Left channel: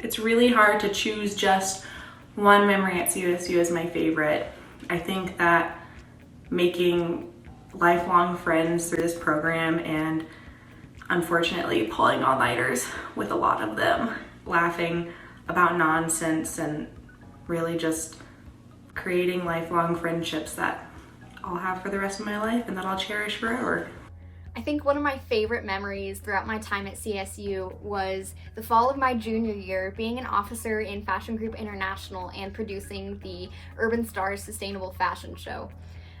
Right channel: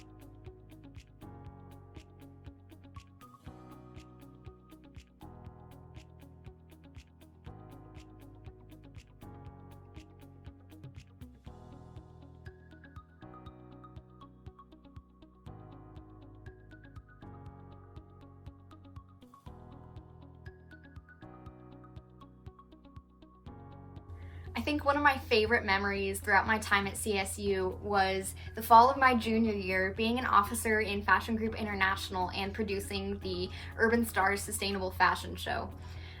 It's really hard to choose just one memory at CSU as my favorite. I think that making lifelong friends through this program and unfortunately pulling all-nighters with a lot of them, laughing about nonsense and really just creating lifelong friendships that I'll have for the rest of my life and that I'll cherish forever. I think one of my favorite memories throughout my time at CSU was the fall of my junior year, being an officer in Fashion Group International and producing the Urban Stars Sustainable Fashion Show.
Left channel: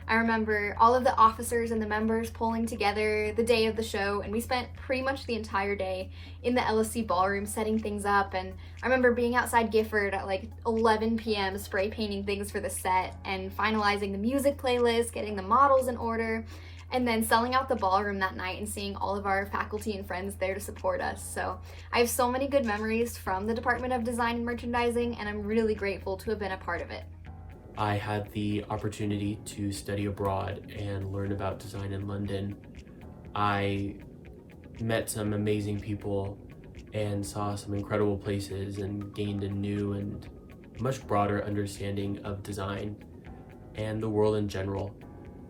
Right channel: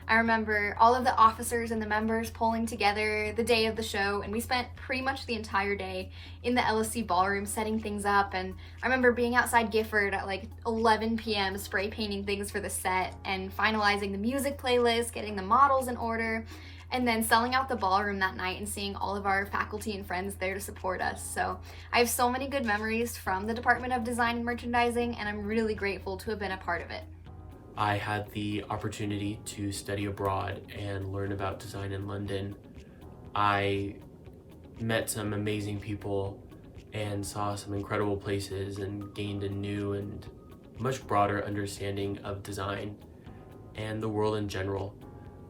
I remember all of the officers and the members pulling together the day of the show, and we spent pretty much the entire day in the LSC ballroom setting things up. And I remember being outside Gifford at like 11 p.m. spray painting things for the set and finalizing the music playlist, getting the models in order, and then selling out the ballroom that night and seeing all of our faculty and friends there to support us. So I have so many good memories from the Department of Design and Merchandising, and I'm really grateful to have been a part of it. I had the opportunity to study abroad and learn about design in London. I met some amazing people and saw some incredible places and gained a new and much broader understanding of design and the world in general.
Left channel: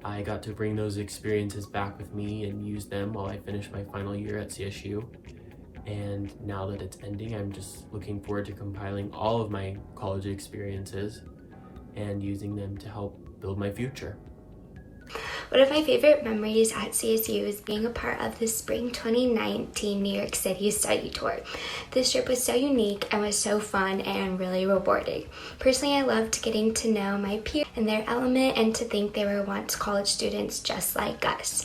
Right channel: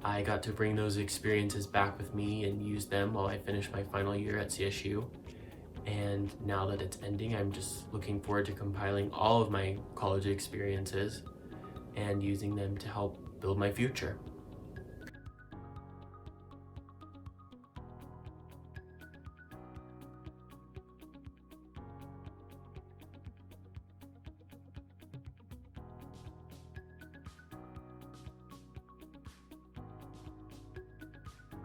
I got to bring those experiences back with me and use them while I finished my final year at CSU. And now that it's ending, I'm just looking forward to compiling all of my college experiences and using them to help build my future. One of my favorite memories at CSU is being a part of the Spring 2019 New York City study tour. This trip was so unique and was so fun and really rewarding. Personally, I loved getting to know my peers and their element and to think they were once college students just like us.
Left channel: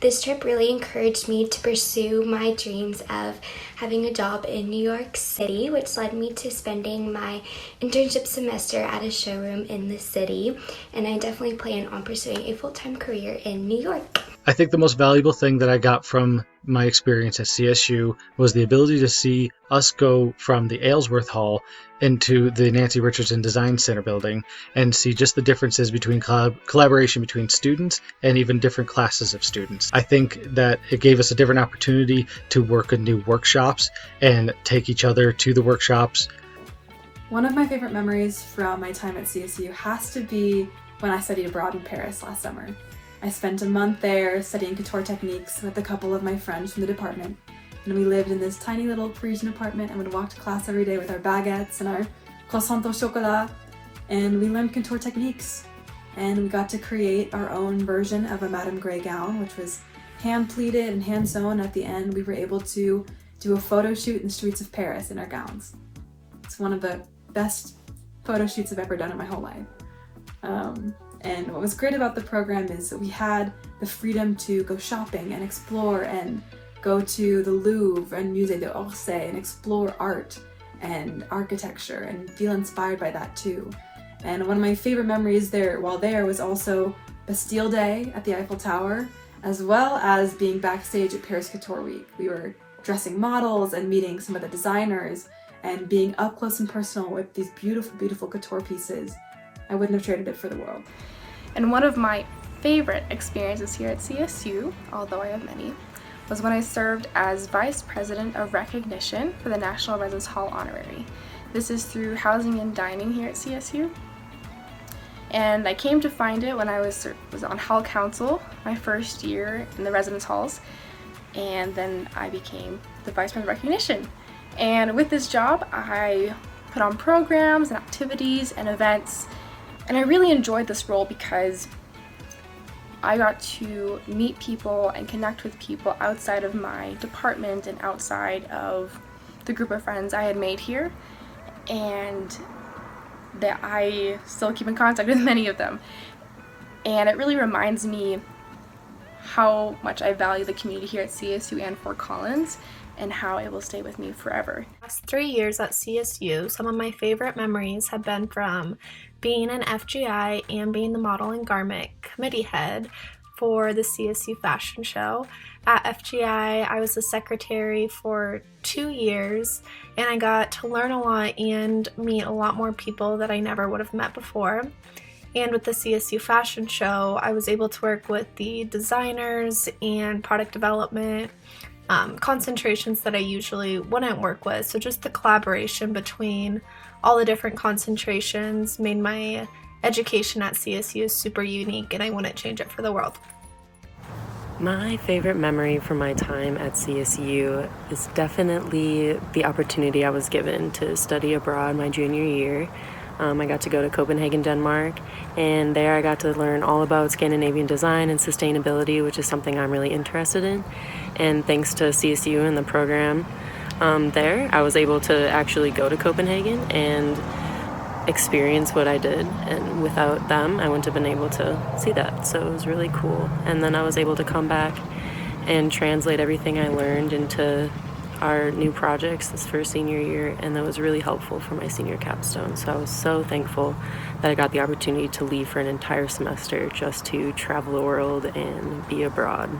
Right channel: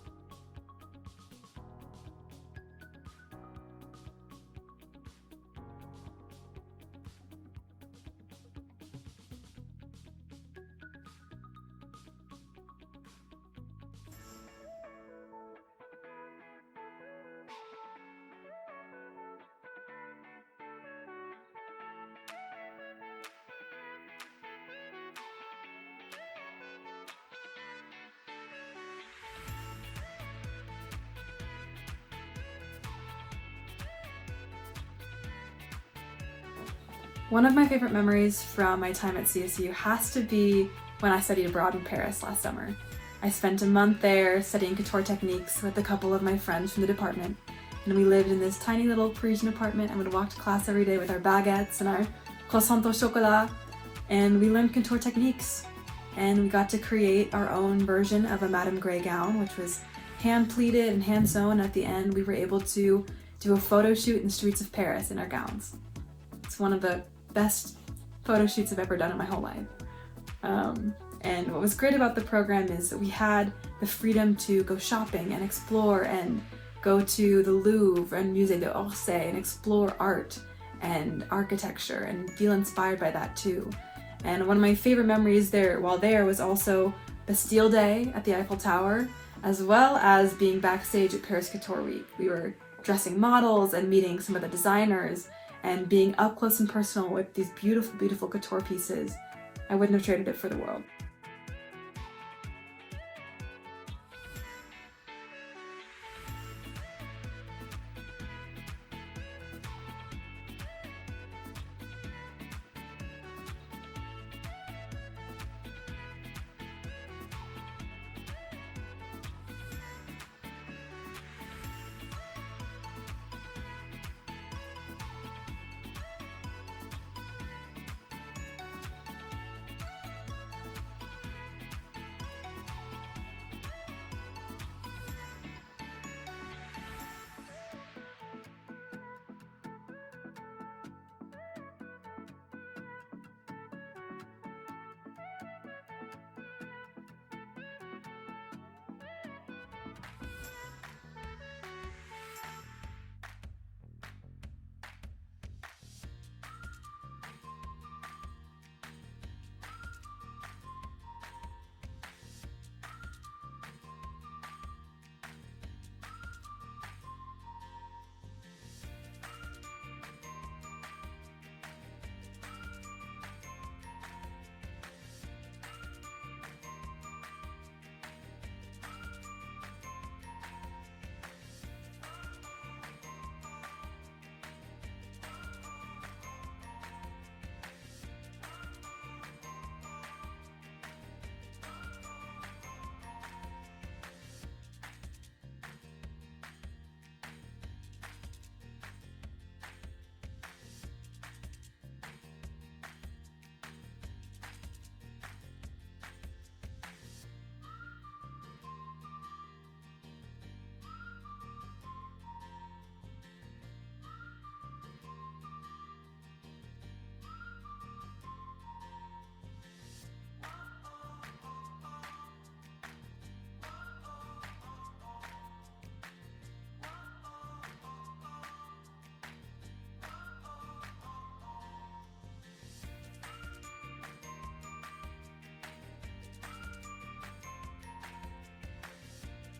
This trip really encouraged me to pursue my dreams of having a job in New York City, which led me to spending my internship semester at a showroom in the city, and I definitely plan on pursuing a full-time career in New York. I think the most valuable thing that I got from my experience at CSU was the ability to see us go from the Aylesworth Hall into the Nancy Richardson Design Center building and see just the differences between collaboration between students and even different classes of students. I think that it gave us a different opportunity to work in new workshops and take each other to the workshops. One of my favorite memories from my time at CSU has to be when I studied abroad in Paris last summer. I spent a month there studying couture techniques with a couple of my friends from the department, and we lived in this tiny little Parisian apartment and would walk to class every day with our baguettes and our croissant au chocolat, and we learned couture techniques, and we got to create our own version of a Madame Grey gown, which was hand pleated and hand sewn. At the end, we were able to do a photo shoot in the streets of Paris in our gowns. It's one of the best photo shoots I've ever done in my whole life. And what was great about the program is that we had the freedom to go shopping and explore and go to the Louvre and Musée d'Orsay and explore art and architecture and feel inspired by that too. And one of my favorite memories while there was also Bastille Day at the Eiffel Tower, as well as being backstage at Paris Couture Week. We were dressing models and meeting some of the designers and being up close and personal with these beautiful, beautiful couture pieces. I wouldn't have traded it for the world. And one of my favorite experiences here at CSU, although I have many, was when I served as Vice President of Recognition for the National Residence Hall Honorary. This is through Housing and Dining here at CSU. And I came to find it when I was on Hall Council, my first year in the residence halls, and then I became the Vice President of Recognition. And with this job, I put on programs and activities and events, and I really enjoyed this role because I got to meet people and connect with people outside of my department and outside of the group of friends I had made here, and that I still keep in contact with many of them. And it really reminds me how much I value the community here at CSU and Fort Collins, and how it will stay with me forever. Last 3 years at CSU, some of my favorite memories have been from being an FGI and being the model and garment committee head for the CSU fashion show. At FGI, I was the secretary for 2 years, and I got to learn a lot and meet a lot more people that I never would have met before. And with the CSU fashion show, I was able to work with the designers and product development concentrations that I usually wouldn't work with. So just the collaboration between all the different concentrations made my education at CSU super unique, and I wouldn't change it for the world. My favorite memory from my time at CSU is definitely the opportunity I was given to study abroad my junior year. I got to go to Copenhagen, Denmark, and there I got to learn all about Scandinavian design and sustainability, which is something I'm really interested in. And thanks to CSU and the program there, I was able to actually go to Copenhagen and experience what I did, and without them I wouldn't have been able to see that, so it was really cool. And then I was able to come back and translate everything I learned into our new projects this first senior year, and that was really helpful for my senior capstone. So I was so thankful that I got the opportunity to leave for an entire semester just to travel the world and be abroad.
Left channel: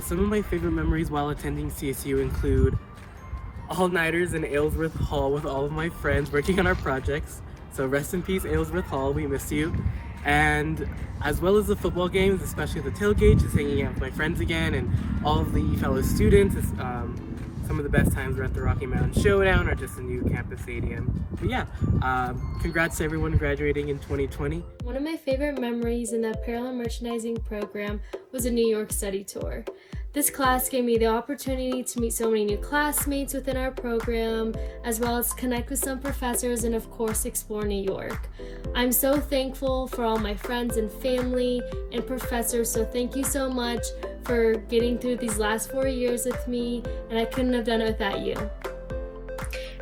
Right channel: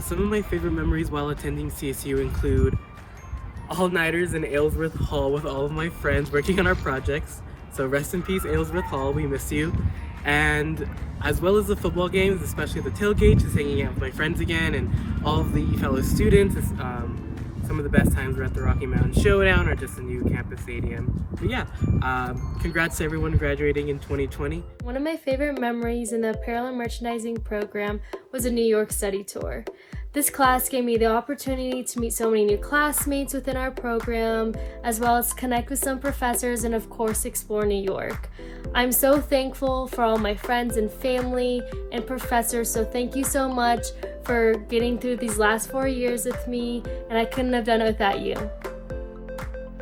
Some of my favorite memories while attending CSU include all-nighters in Aylesworth Hall with all of my friends working on our projects. So rest in peace, Aylesworth Hall, we miss you. And as well as the football games, especially the tailgate, just hanging out with my friends again and all of the fellow students. Some of the best times were at the Rocky Mountain Showdown or just the new campus stadium. But yeah, congrats to everyone graduating in 2020. One of my favorite memories in the apparel and merchandising program was a New York study tour. This class gave me the opportunity to meet so many new classmates within our program, as well as connect with some professors and of course explore New York. I'm so thankful for all my friends and family and professors, so thank you so much for getting through these last 4 years with me, and I couldn't have done it without you.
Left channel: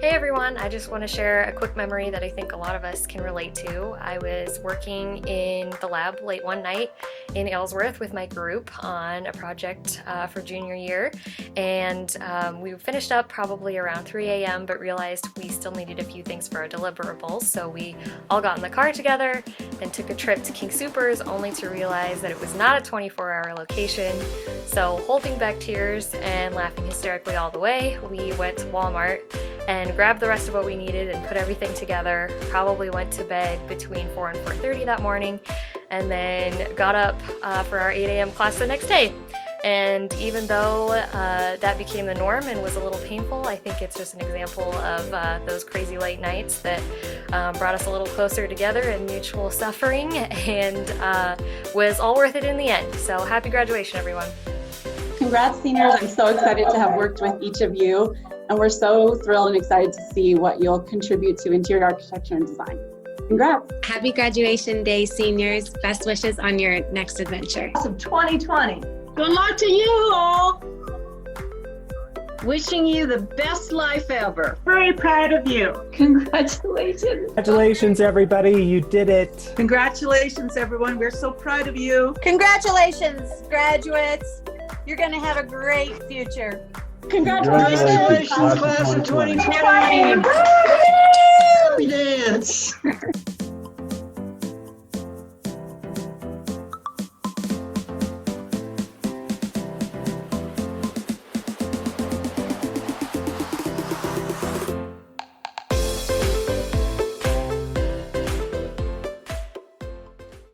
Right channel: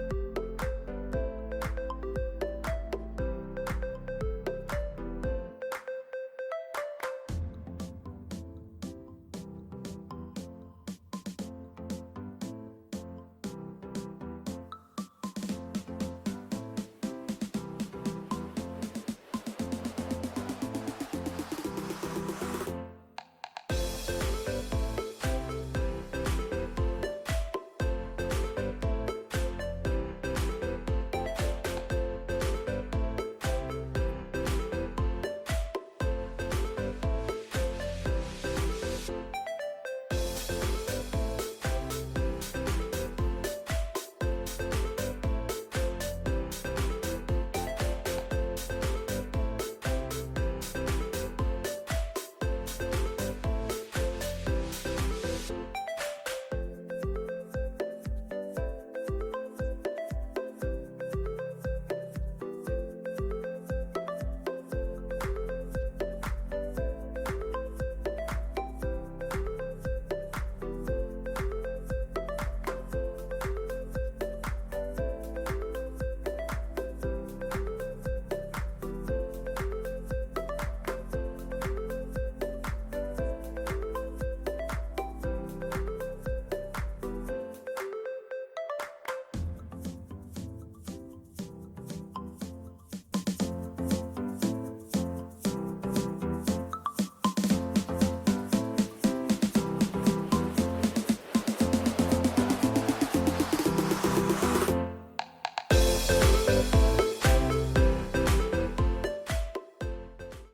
Hey everyone, I just want to share a quick memory that I think a lot of us can relate to. I was working in the lab late one night in Aylesworth with my group on a project for junior year, and we finished up probably around 3 a.m. but realized we still needed a few things for our deliverables, so we all got in the car together and took a trip to King Soopers, only to realize that it was not a 24-hour location. So holding back tears and laughing hysterically all the way, we went to Walmart and grabbed the rest of what we needed and put everything together. Probably went to bed between 4 and 4:30 that morning, and then got up for our 8 a.m. class the next day. And even though that became the norm and was a little painful, I think it's just an example of those crazy late nights that brought us a little closer together in mutual suffering, and was all worth it in the end. So happy graduation, everyone. Congrats, seniors. I'm so excited to have worked with each of you, and we're so thrilled and excited to see what you'll contribute to interior architecture and design. Congrats. Happy graduation day, seniors. Best wishes on your next adventure. Of 2020. Good luck to you all. Wishing you the best life ever. Very proud of you. Congratulations. Congratulations, everybody. You did it. Congratulations, everyone. We're so proud of you. Congratulations, graduates. You're going to have a great future. Congratulations, class of 2020. Dance.